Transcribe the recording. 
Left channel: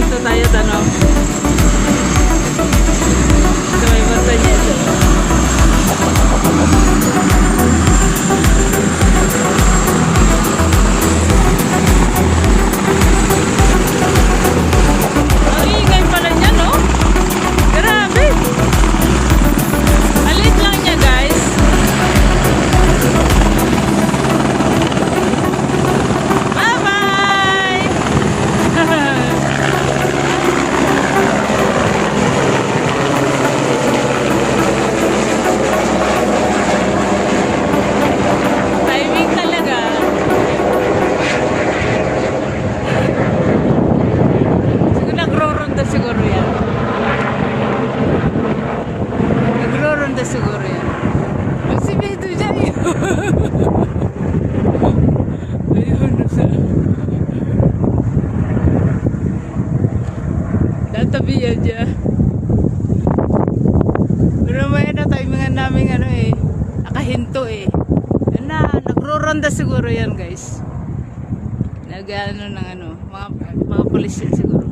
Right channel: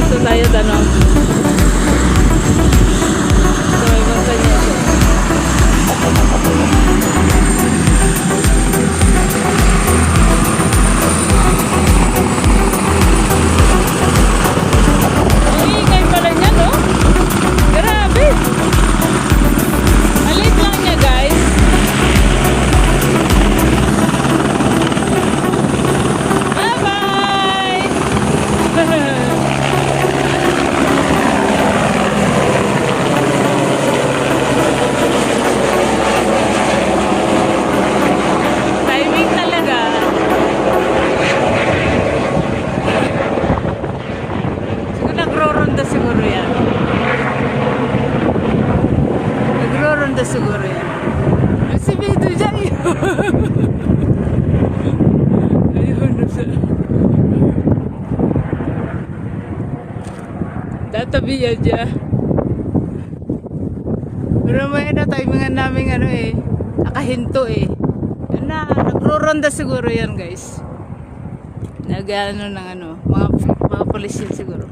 Magpapahinto tayo, tanong. Siguro yan. Nagro-ronda siguro yan. Nagsibido dyan yun. Ayun, tatabi yan dyan. Pero may timingan namin nakahinto Yan na, nagro-ronda siguro yan guys. Nag-ano ng mga polis yan siguro.